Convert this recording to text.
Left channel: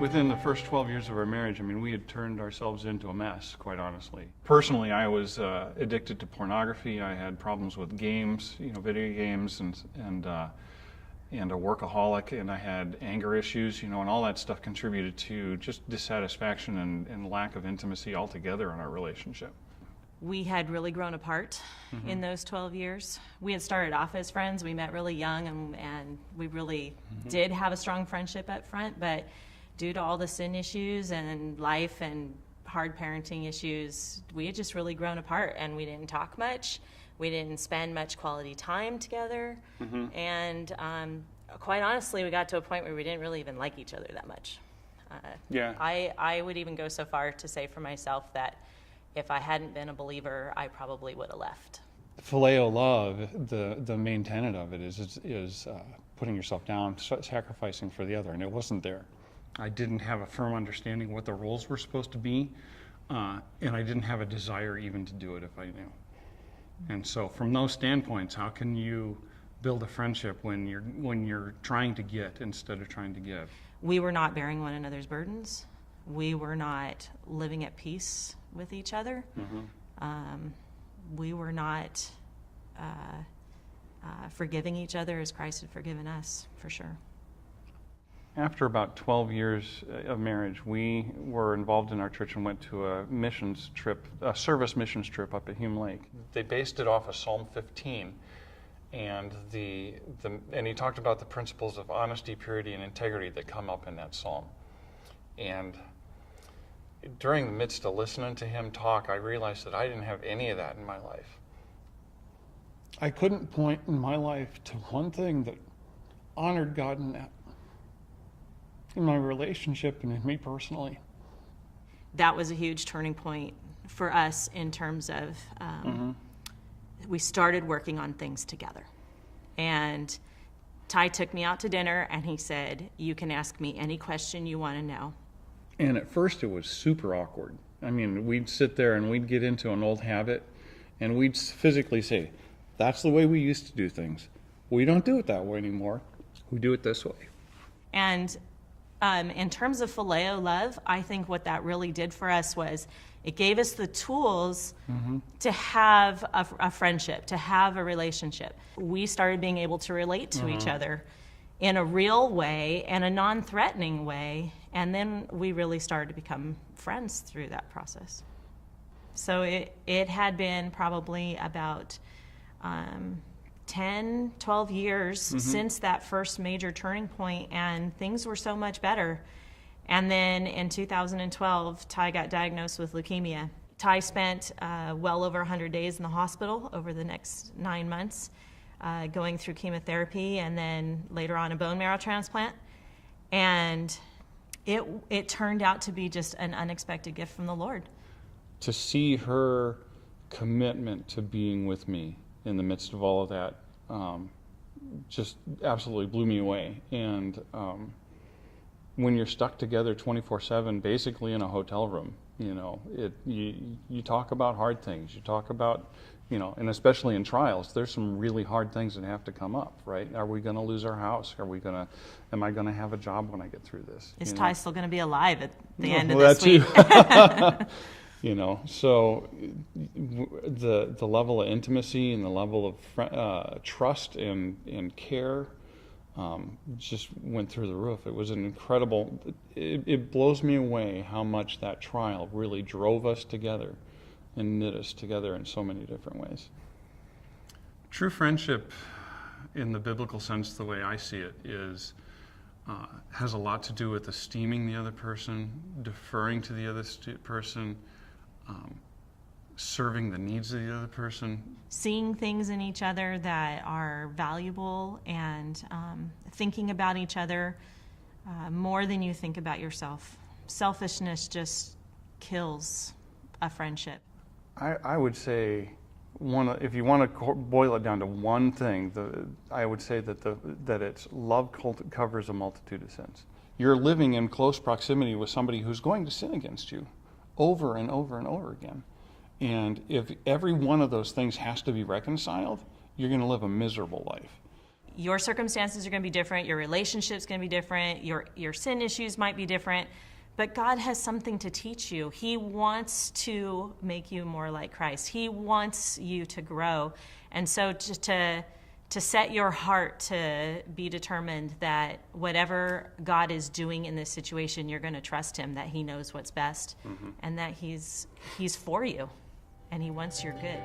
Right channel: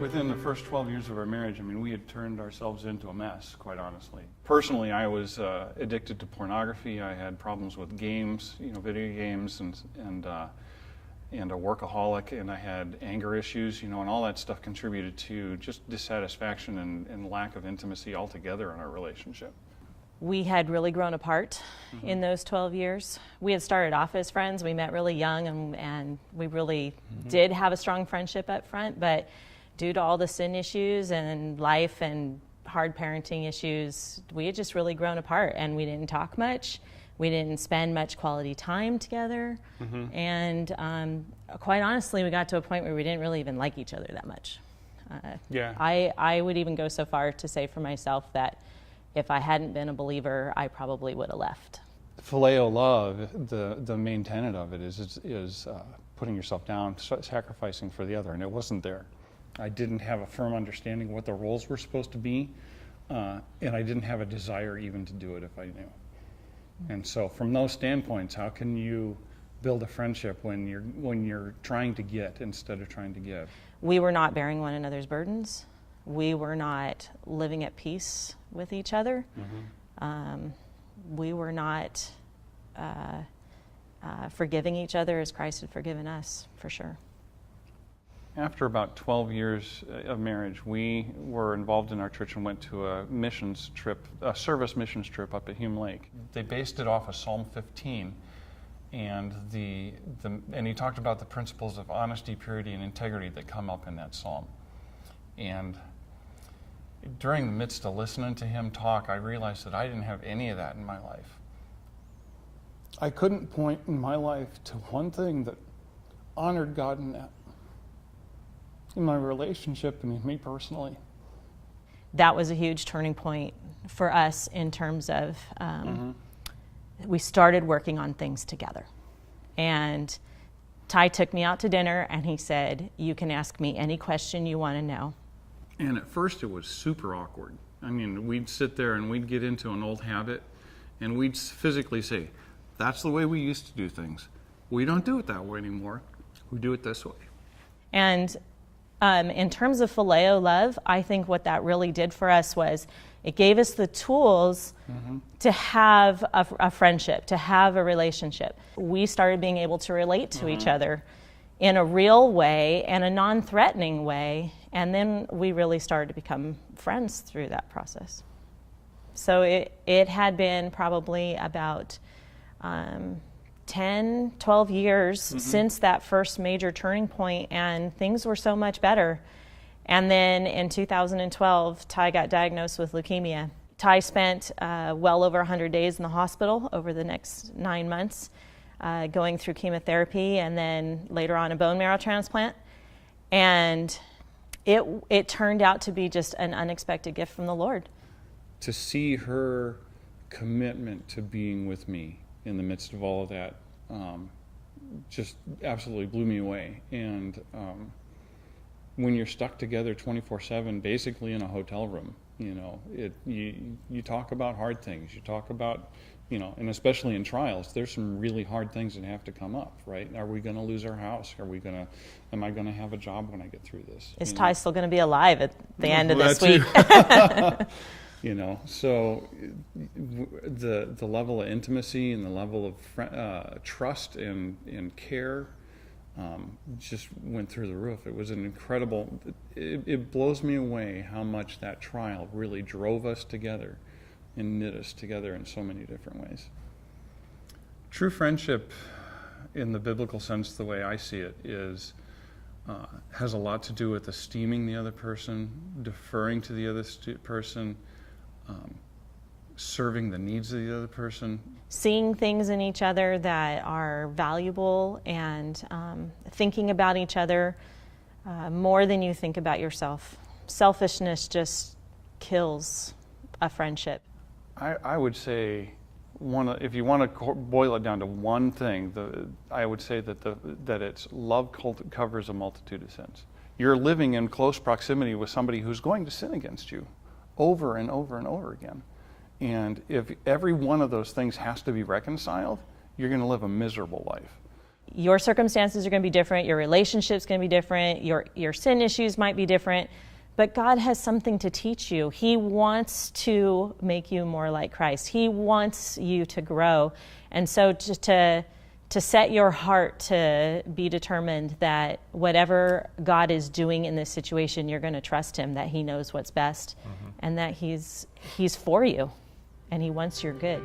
Within the first 12 years of our marriage, I mean, we had turned ourselves into a mess, quite honestly. Personally, I was addicted to pornography. I had problems with games, video games, and a workaholic, and I had anger issues, and all that stuff contributed to just dissatisfaction and lack of intimacy altogether in our relationship. We had really grown apart in those 12 years. We had started off as friends. We met really young, and we really did have a strong friendship up front, but due to all the sin issues and life and hard parenting issues, we had just really grown apart, and we didn't talk much. We didn't spend much quality time together. And quite honestly, we got to a point where we didn't really even like each other that much. I would even go so far to say for myself that if I hadn't been a believer, I probably would have left. Phileo love, the main tenet of it is putting yourself down, sacrificing for the other, and it wasn't there. I didn't have a firm understanding of what the roles were supposed to be, and I didn't have a desire even to do it if I knew. And so from those standpoints, how can you build a friendship when you're trying to get instead of trying to give? We were not bearing one another's burdens. We were not living at peace with each other. We were not forgiving each other as Christ had forgiven us, for sure. After about 12 years of marriage, we were involved in our church and went to a missions trip, a service missions trip up at Hume Lake. They based it off of Psalm 15, and and he talked about the principles of honesty, purity, and integrity that come up in that psalm. And during the midst of listening to him talk, I realized that I didn't have any of that in my life. I couldn't point in my life to one thing that honored God in my relationship and in me personally. That was a huge turning point for us in terms of we started working on things together. And Ty took me out to dinner and he said, "You can ask me any question you want to know." And at first it was super awkward. I mean, we'd sit there and we'd get into an old habit and we'd physically say, "That's the way we used to do things. We don't do it that way anymore. We do it this way." And in terms of phileo love, I think what that really did for us was it gave us the tools to have a friendship, to have a relationship. We started being able to relate to each other in a real way and a non-threatening way, and then we really started to become friends through that process. So it had been probably about 10, 12 years since that first major turning point, and things were so much better. And then in 2012, Ty got diagnosed with leukemia. Ty spent well over 100 days in the hospital over the next 9 months, going through chemotherapy and then later on a bone marrow transplant. And it turned out to be just an unexpected gift from the Lord. To see her commitment to being with me in the midst of all of that just absolutely blew me away. And when you're stuck together 24/7, basically in a hotel room, you talk about hard things. You talk about, and especially in trials, there's some really hard things that have to come up, right? Are we going to lose our house? Am I going to have a job when I get through this? Is Ty still going to be alive at the end of this week? So the level of intimacy and the level of trust and care just went through the roof. It was an incredible, it blows me away how much that trial really drove us together and knit us together in so many different ways. True friendship, in the biblical sense, the way I see it, has a lot to do with esteeming the other person, deferring to the other person, serving the needs of the other person. Seeing things in each other that are valuable and thinking about each other more than you think about yourself. Selfishness just kills a friendship. I would say, if you want to boil it down to one thing, I would say that it's love covers a multitude of sins. You're living in close proximity with somebody who's going to sin against you over and over and over again. And if every one of those things has to be reconciled, you're going to live a miserable life. your circumstances are going to be different, your relationship's going to be different, your sin issues might be different, but God has something to teach you. He wants to make you more like Christ. He wants you to grow. And so to set your heart to be determined that whatever God is doing in this situation, you're going to trust him, that he knows what's best, and that he's for you, and he wants your good.